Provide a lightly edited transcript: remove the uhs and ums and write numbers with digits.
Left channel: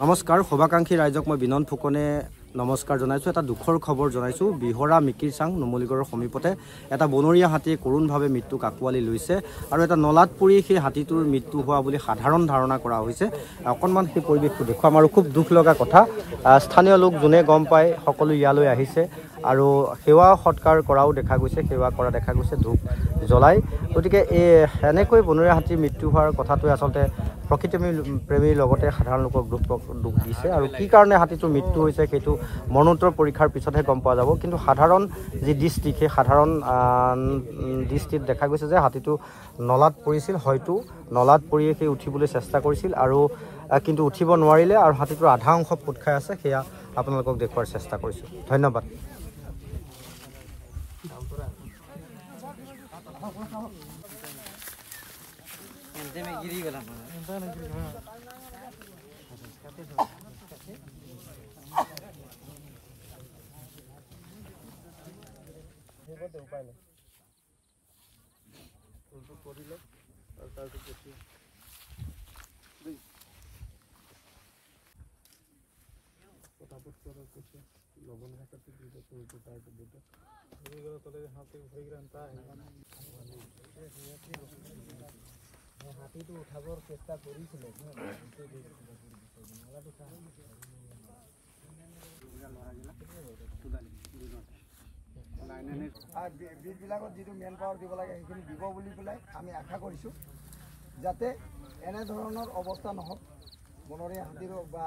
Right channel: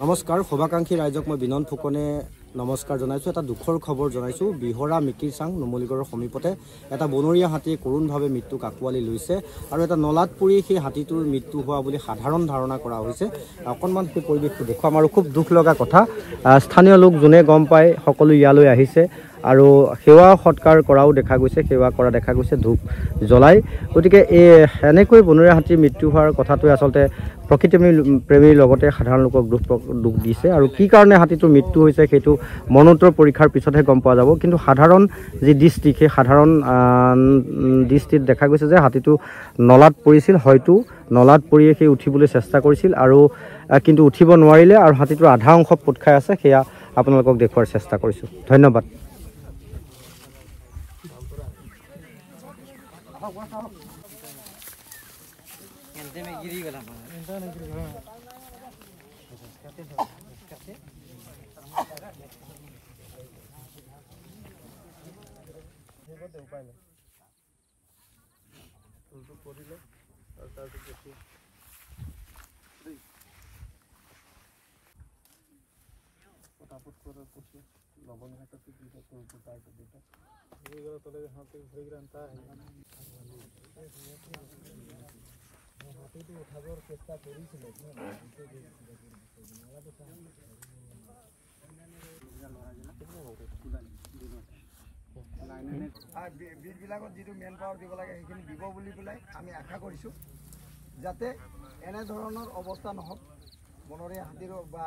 নমস্কাৰ শুভাকাংক্ষী ৰাইজক মই বিনন ফুকনে নমস্কাৰ জনাইছো। এটা দুখৰ খবৰ জনাইছো। বিহৰা মিকিৰচাং নুমলীগড়ৰ সমীপতে এটা বনৰীয়া হাতীয়ে কৰোণভাৱে মৃত্যুক আঁকোৱালি লৈছে আৰু এটা নলাত পৰি সেই হাতীটোৰ মৃত্যু হোৱা বুলি সাধাৰণ ধাৰণা কৰা হৈছে। অকণমান সেই পৰিৱেশটো দেখুৱাম আৰু খুব দুখ লগা কথা, স্থানীয় লোক যোনে গম পায় সকলো ইয়ালৈ আহিছে আৰু সেৱা সৎকাৰ কৰাও দেখা গৈছে, সেৱা কৰা দেখা গৈছে ধূপ জ্বলাই। গতিকে এনেকৈ বনৰীয়া হাতীৰ মৃত্যু হোৱাৰ কথাটোৱে আচলতে প্ৰকৃতি প্ৰেমীৰ লগতে সাধাৰণ লোকক দুখ দিছে আৰু কি কাৰণে হাতীটোৰ মৃত্যু হৈছে সেইটো মৰণোত্তৰ পৰীক্ষাৰ পিছতহে গম পোৱা যাব। কিন্তু সাধাৰণ যি দৃষ্টি, সেই সাধাৰণ দৃষ্টিত দেখা গৈছে যে হাতীটো নলাত পৰিছিল, হয়তো নলাত পৰিয়ে সেই উঠিবলৈ চেষ্টা কৰিছিল আৰু কিন্তু উঠিব নোৱাৰিলে আৰু হাতীটোৰ আধা অংশ পোত খাই আছে। সেয়া আপোনালোকক দেখুওৱাৰ চেষ্টা কৰিছোঁ। ধন্যবাদ। হাতীটো উঠাবৰ চেষ্টা কৰিছিলে বীজবিলাকত যিটো মেন পাৱাৰ দিব লাগে সেইখিনি দিব বুলি পেলাই আমি আশা কৰিছোঁ, যাতে এনেধৰণৰ অৱস্থা নহওক বনৰীয়া হাতীৰ বা